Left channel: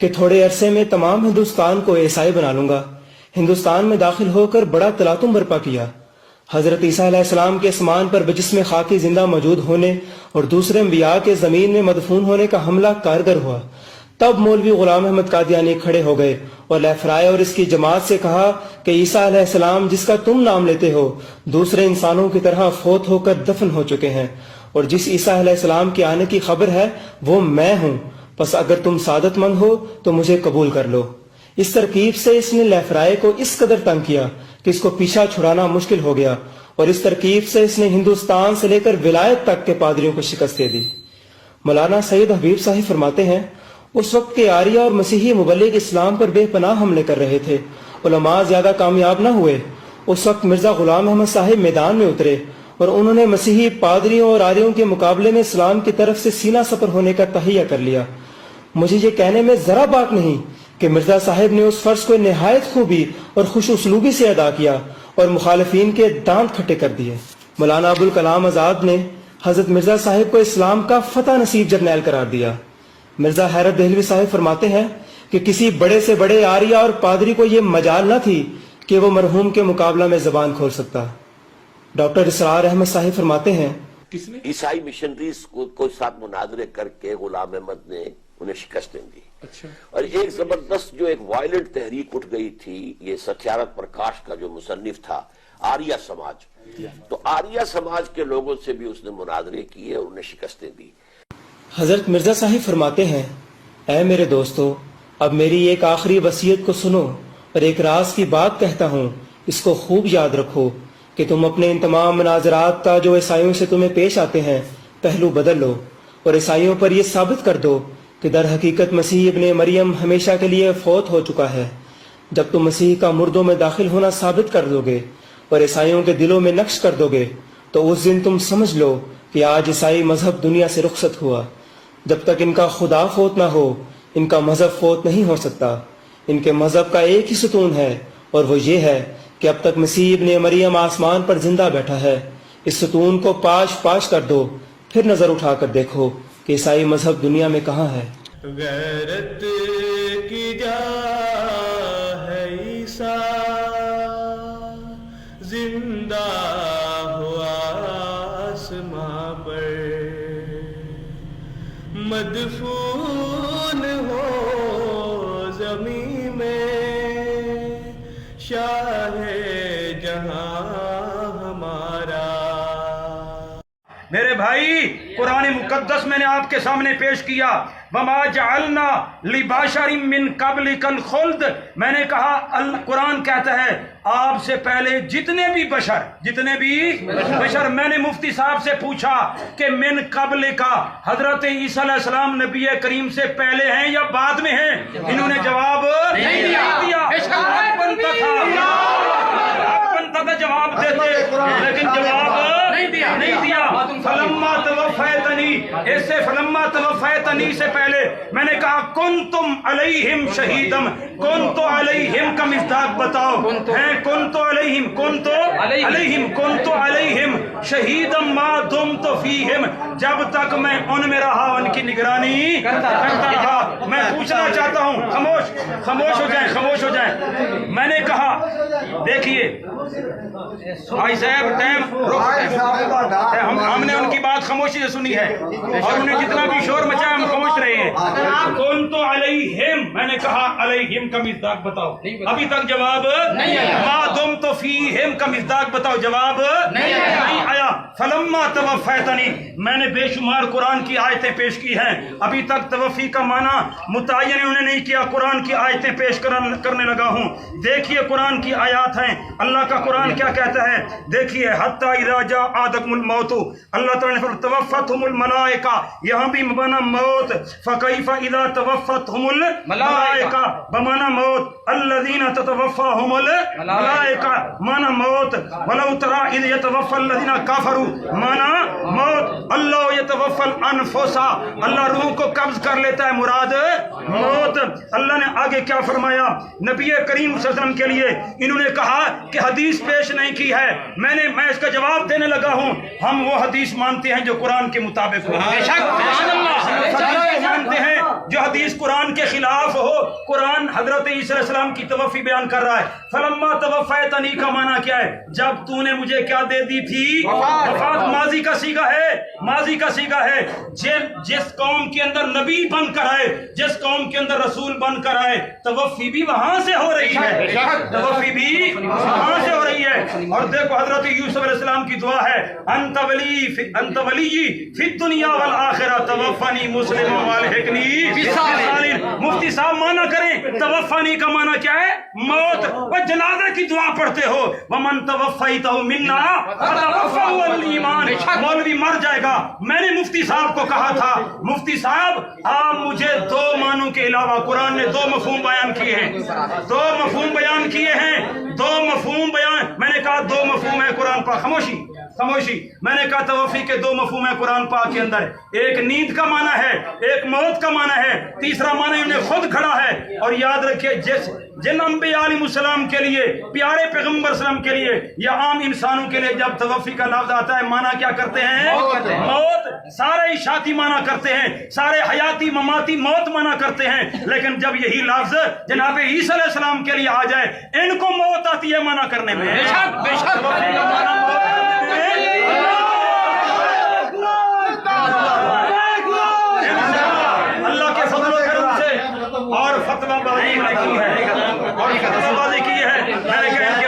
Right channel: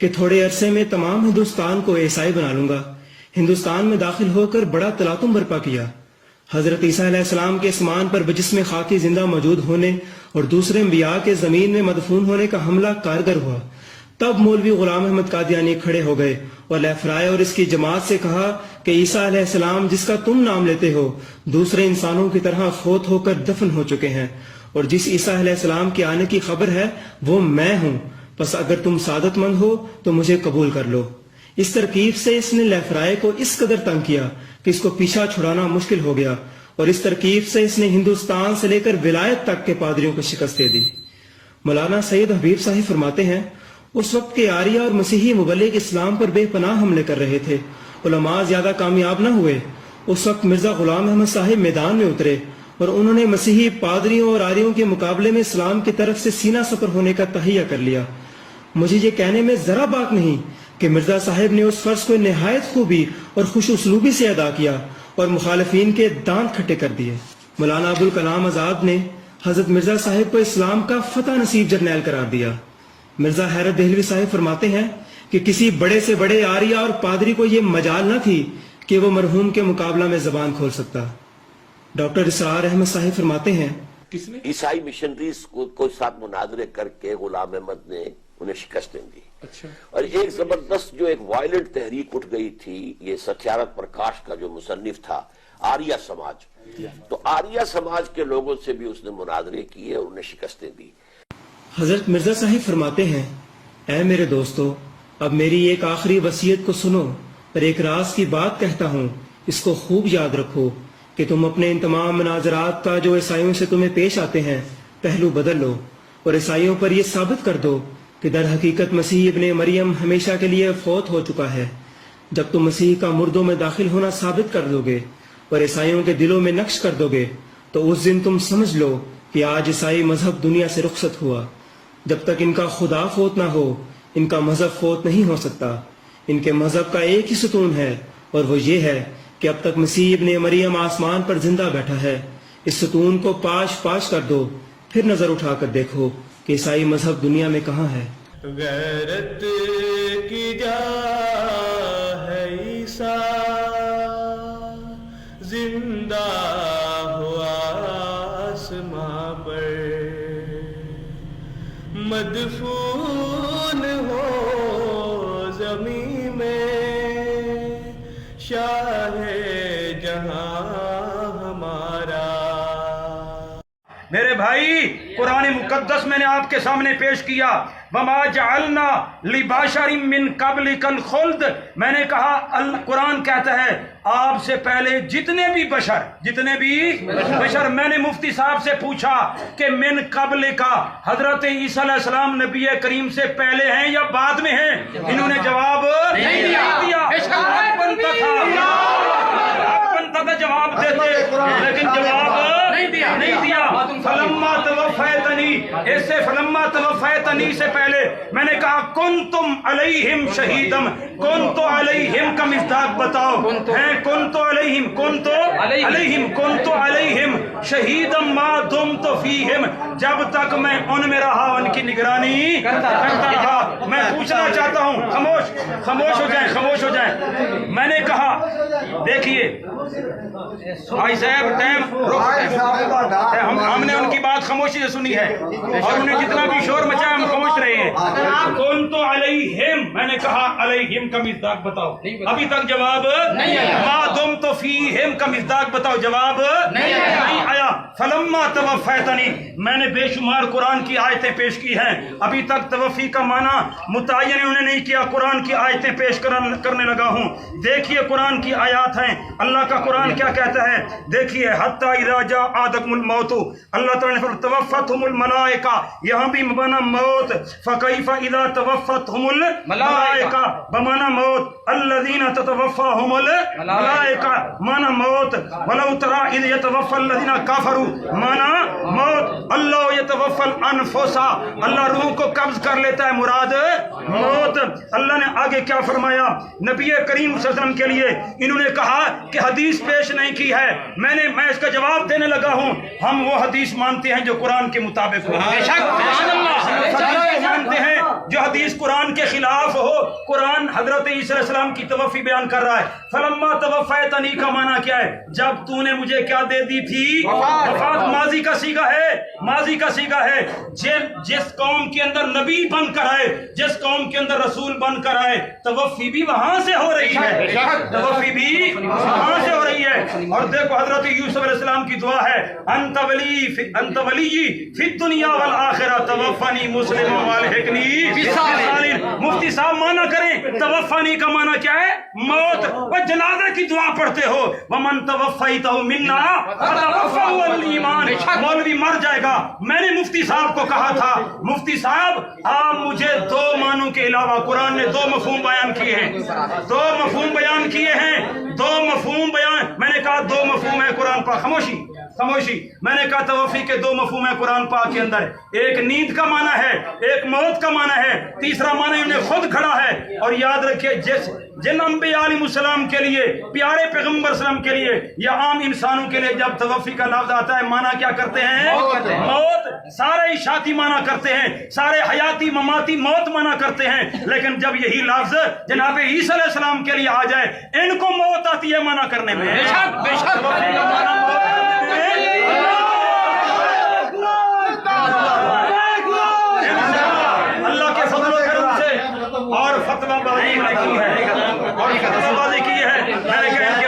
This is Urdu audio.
کہ تھوڑے عرصے میں تمام ہندوستان کو عیسائی بنا لوں گا۔ ہندوستان میں داخل ہو کر بڑا تلاطم برپا کیا۔ حضرت عیسیٰ علیہ السلام کے اسمان پر بجسم خاکی زندہ موجود ہونے اور دوسرے انبیاء کے زمین میں مدفون ہونے کا حملہ کارگر ہوا۔ تب مولوی غلام احمد قادیانی کھڑے ہو گئے اور لیفرائے اور اس کی جماعت سے کہا کہ عیسیٰ علیہ السلام جس کا تم نام لیتے ہو دوسرے انسانوں کی طرح فوت ہو کر دفن ہو چکے ہیں، اور جس عیسیٰ علیہ السلام کے آنے کی خبر ہے وہ میں ہوں، پس اگر تم سعادت مند ہو تو مجھے قبول کر لو۔ اس ترکیب سے اس نے لیفرائے کو اس قدر تنگ کیا کہ اس کو پیچھا چھڑانا مشکل ہو گیا، اور اس ترکیب سے اس نے ہندوستان سے لے کر ولایت تک کے پادریوں کو شکست دے دی۔ مولانا سید حبیب صاحب فرماتے ہیں اس وقت کے آریہ اور مسیحی مبلغ اسلام پر بے پناہ حملے کر رہے تھے، علماء زیادہ کامیاب نہ ہوئے۔ اس وقت مرزا غلام احمد صاحب میدان میں اترے اور انہوں نے مسیحی پادریوں اور آریوں کے مقابلے میں اسلام کی طرف سے سینہ سفر ہونے کا تہیہ کر لیا۔ مجھے یہ کہنے میں ذرا بات نہیں کہ مرزا صاحب نے اس فرض کو نہایت خوبی اور خوش اسلوبی سے ادا کیا اور مخالفین کے دانت کھٹے کر دیے۔ مولانا ابوالکلام آزاد نے حضرت مرزا صاحب کو اسلام کا فتح نصیب جرنیل قرار دیا۔ مرزا حیرت دہلوی صاحب فرماتے ہیں کہ کسی بڑے سے بڑے آریہ اور پادری کو یہ مجال نہ تھی کہ وہ مرحوم کے مقابلہ میں زبان کھول سکتا۔ ڈاکٹر اسرار احمد صاحب فرماتے ہیں عیسائی مشنریز کو ساتھ مناظرے کر کے غلام احمد نے انہیں شکستیں دی، اور ایک زبردست جو ایک وائلنٹ تحریک اٹھ گئی تھی، یہ ستیارتھ پرکاش کا جو مصنف تھا آریہ سماج، تو آریہ سماج کے لوگوں سے بھی اس نے مناظرے کیے اور انہیں شکستیں دی۔ حضرت مرزا صاحب فرماتے ہیں اے میرے دوستو، اب میری ایک آخری وصیت کو سنو اور ایک راز کی بات کہتا ہوں، اس کو خوب یاد رکھو کہ تم اپنے ان تمام مناظرات کا جو عیسائیوں سے تمہیں پیش آتے ہیں پہلو بدل لو، اور عیسائیوں پر یہ ثابت کر دو کہ در حقیقت مسیح ابن مریم ہمیشہ کے لیے فوت ہو چکا ہے۔ جب تم مسیح کا مردوں میں داخل ہونا ثابت کر لو گے اور عیسائیوں کے دلوں میں نقش کر دو گے تو اس دن تم سمجھ لو کہ آج عیسائی مذہب دنیا سے رخصت ہوا۔ جب تک ان کا خدا فوت نہ ہو ان کا مذہب فوت نہیں ہو سکتا۔ ان کے مذہب کا ایک ہی ستون ہے اور وہ یہ ہے کہ اب تک مسیح ابن مریم آسمان پر زندہ بیٹھا ہے۔ اس ستون کو پاش پاش کر دو، پھر نظر اٹھا کر دیکھو کہ عیسائی مذہب دنیا میں کہاں ہے۔ غیرت کی جا ہے عیسیٰ زندہ ہوا آسماں پر، مدفون ہو زمین میں شاہ جہاں ہمارا۔ میرے بھائی، قرآن مقدس میں نے آپ کے سامنے پیش کیا وَمَا جَعَلْنَا لِبَشَرٍ مِّن قَبْلِكَ الْخُلْدَ، میں نے کہا قرآن کہتا ہے آپ سے پہلے جتنے بھی بشر میں نے مفتی صاحب سے پوچھا کہ من قبل کا حضرت عیسیٰ علیہ السلام نبی کریم سے پہلے ہیں یا بعد میں ہیں؟ انہوں نے جواب نہیں دیا۔ بنتا تھا جواب دیتے، لیکن جواب نہیں دیا۔ فلما توفیتنی، اس سے فلما توفیتنی سے پہلے میں نے کہا کنتم علیہم شہیدم، کنت علیہم کا مصداق بتاؤ، ہیں کنت علیہم شہیدم ما دمت فیہم، جب تک میں ان میں رہا ان کی نگرانی کرتا رہا۔ میں پوچھنا چاہتا ہوں، خاموش ہو جائیں۔ میں نے کہا دیکھیے بھائی صاحب ہم نے ان کی بات خاموشی سے سنی ہے اور انہیں جتنا بھی شور مچایا ہم خاموش رہے ہیں۔ کون تو علیہم، میں نے کہا علیہم کا مصداق بتاؤ، ابھی تک جواب نہیں آیا۔ ما دم تو فیہم کا مصداق بتاؤ، جواب نہیں آیا۔ فلما توفیتنی، میں نے بے شمار قرآن کی آیتیں پیش کی ہیں، ابھی تک توفی کا معنی متعین انہوں نے نہیں کیا، قرآن کی آیتیں پیش کرنے لگا ہوں۔ دیکھیے قرآن کی آیات ہیں، اللہ کا قرآن کیا کہتا ہے، دیکھیے حتی اذا جاء احدکم الموت، اللہ تعالیٰ نے توفتہم الملائکہ، یہاں بھی بمعنی موت، فکیف اذا توفتہم الملائکہ بمعنی موت، الذین تتوفاہم الملائکہ معنی موت، ولو تری اذ یتوفی الذین کفروا معنی موت، اللہ یتوفی الانفس، اللہ روح کو قبض کر لیتا ہے، مراد موت۔ اللہ نے آگے کیا فرمایا نبی کریم صلی اللہ علیہ وسلم کے لیے، انہوں نے کہا کہ حدیث پیش نہیں کی ہے، میں اس کا جواب دینے لگا ہوں۔ ہم وہ حدیث مانتے ہیں جو قرآن قرآن کے مطابق ہو. مانتے ہیں جو حدیث قرآن کے خلاف ہو. قرآن حضرت عیسیٰ علیہ السلام کی توفی بیان کر رہا ہے. فلما توفیتنی کا معنی کیا ہے؟ جب تو نے مجھے کیا دے دی تھی؟ وفات. ماضی کا صیغہ ہے, ماضی کا صیغہ ہے. جس قوم کے اندر نبی بن کر آئے, جس قوم کے اندر رسول بن کر آئے, توفی بھی وہاں سے ہو رہی ہے, توفی بھی وہاں سے ہو رہی ہے. اور دیکھو حضرت یوسف علیہ السلام کی دعا ہے, انت ولی فی الدنیا والآخرہ توفنی مسلما والحقنی بالصالحین. مفتی صاحب معنی کریں, توفنی کا معنی کیا ہے؟ موت. وہ جنازے کی دعا پڑھتے ہو, ومن توفیتہ منا فتوفہ الایمان. مولوی مر جائے گا. میں نے مفتی صاحب کو کہا تھا, مفتی صاحب آپ مجھے دو معنوں کے علاوہ, قرآن نے دو مفہوم بیان کیے ہیں, دو مفہوم بیان کیے ہیں, دو مفہوم بیان. میں نے کہا دو مفہوم ہے قرآن پاک. خاموشی خاموشی. میں نے کہا توفی کے دو مفہوم ہیں قرآن پاک کے اندر. ایک نیند کا معنی ہے, ایک موت کا معنی ہے, تیسرا معنی انہیں خود کھڑا ہے. اور یاد رکھیے جن انبیاء علیہ السلام کے لیے, پیارے پیغمبر اسلام کے لیے یا عام انسانوں کے لیے جب توفی کا لفظ آتا ہے معنی کیا کرتے ہیں؟ موت. سارے اشاعتی معنی کرتے ہیں, سارے حیاتی مماتی موت معنی کرتے ہیں. لیکن جب یہی لفظ جناب عیسیٰ علیہ السلام کے لیے آ جائے, ان کو موت آتی ہے معنی کرنے میں. اللہ کے فضل و کرم سے اور فتویٰ بازی کی ہے, اور فتویٰ بازی کی ہے. میں نے کہا